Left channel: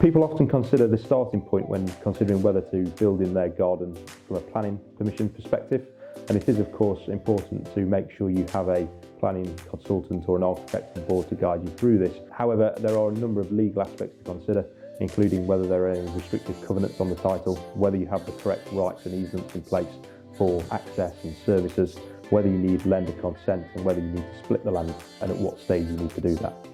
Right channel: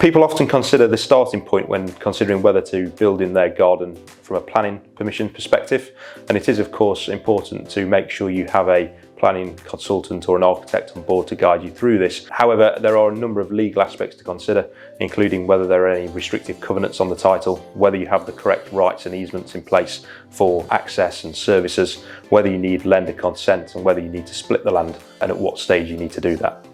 People often consider the starting point when considering whether to build in their garden from a planning permission perspective, and it is of course important to make sure you have a planning consultant or an architect on board to guide you through this. However, there are a number of legal aspects to consider, including whether there are any restrictive covenants on the title, whether you have the correct rights and easements in place for access and services, whether you need lender consent and whether you need to split the land and at what stage you need to do that.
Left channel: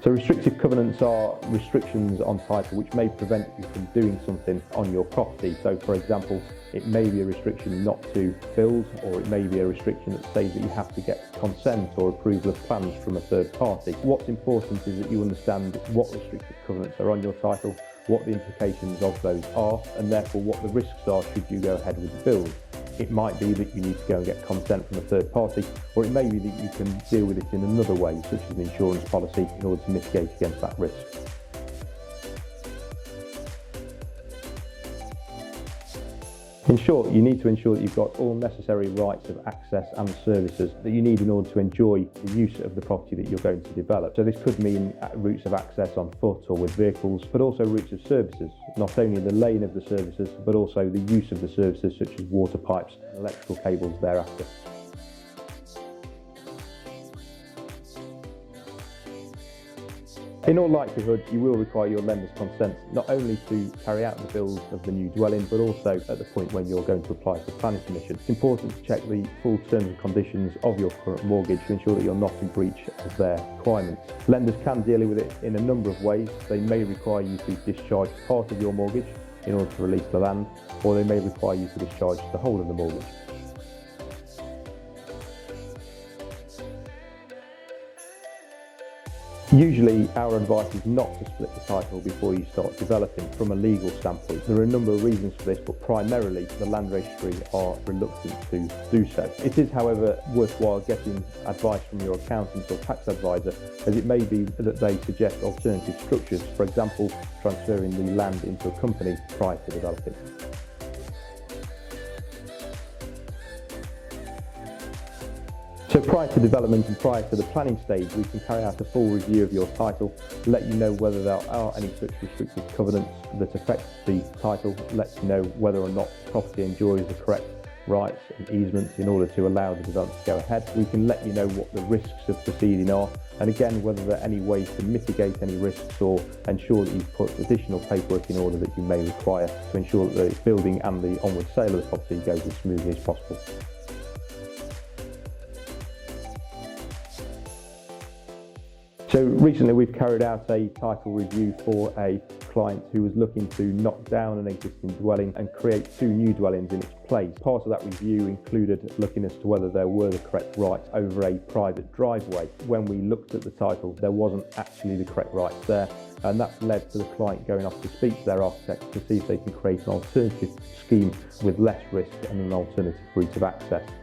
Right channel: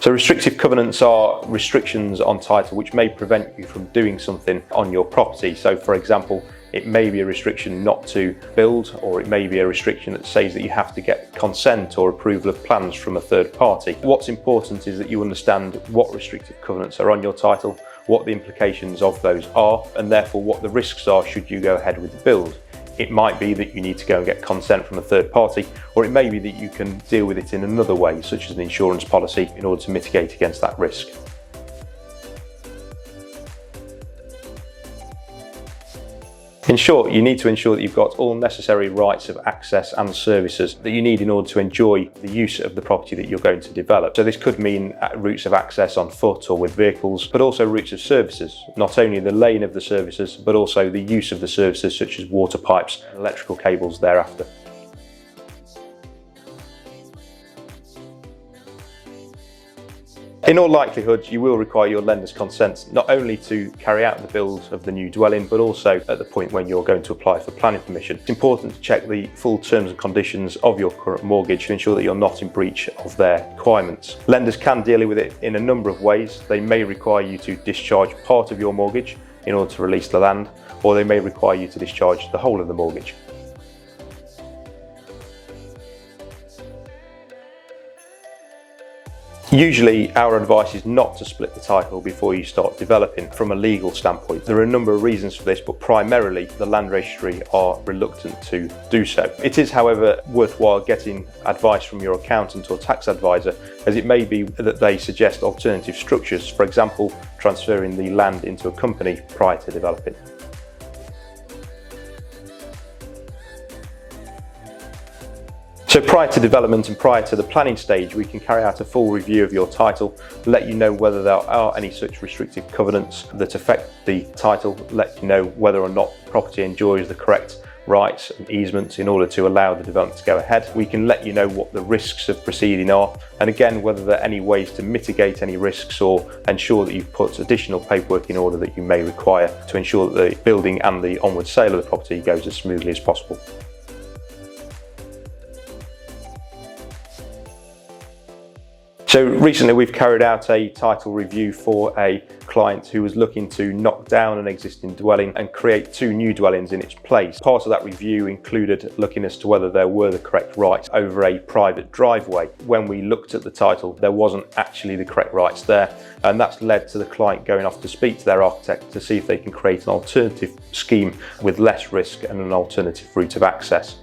So restrictive covenants are restrictions on title which may prevent you from doing something on your property. So for example, it may be a restriction not to build, or it may be a restriction that says that you have to get consent or approval of plans from a third party. What's important is that you understand what restrictive covenants are on your title, what the implications of those are, and therefore what the risks are should you go ahead with the build. It might be that you need to go and get consent from a third party, or it may be that you can deal with it in another way, such as an insurance policy, in order to mitigate against that risk. In short, you need to ensure that you've got all necessary rights of access and services that you need in order to enjoy the use of the property that you're going to develop. So this could mean routes of access on foot or with vehicles, but also routes of services, not only the lane of the services, but also the use of the services such as water pipes and electrical cables thereafter. In all likelihood, you will require your lender's consent not only to carry out the build of the new dwelling, but also at the point when you're going to apply for planning permission. It's important to check the full terms and conditions of your current mortgage to ensure that you're not in breach of their requirements. Lenders can deal with it in a number of ways. They may require you to discharge part of your mortgage in order to release the land, or they may require you to discharge the whole of the mortgage. Usually our advice is not to split the title before you start developing from a legal standpoint. There are a number of reasons for this, but primarily the Land Registry are reluctant to do so. It is, however, worthwhile getting advice from your accountant or tax advisor, as it may be that they suggest alternative structures, for example, transferring the land into a company prior to developing. So prior to development and prior to the planning stage, we can carry out a full review of your title, let you know whether there are any such restrictive covenants that affect the title, let you know whether or not the property enjoys the correct rights and easements in order to allow the development to go ahead. We can let you know what the risks of proceeding are, and again, whether there are any ways to mitigate any risks or ensure that you've put additional paperwork in order that you may require to ensure that the building and the onward sale of the property goes as smoothly as possible. So recently we've carried out a title review for a client who was looking to knock down an existing dwelling and create 2 new dwellings in its place. Part of that review included looking as to whether there were the correct rights over a private driveway. When we looked at the title, there wasn't actually the correct rights there, and that's led to the client going off to speak to their architect to see if they can create an alternative scheme with less risk and an alternative route of access.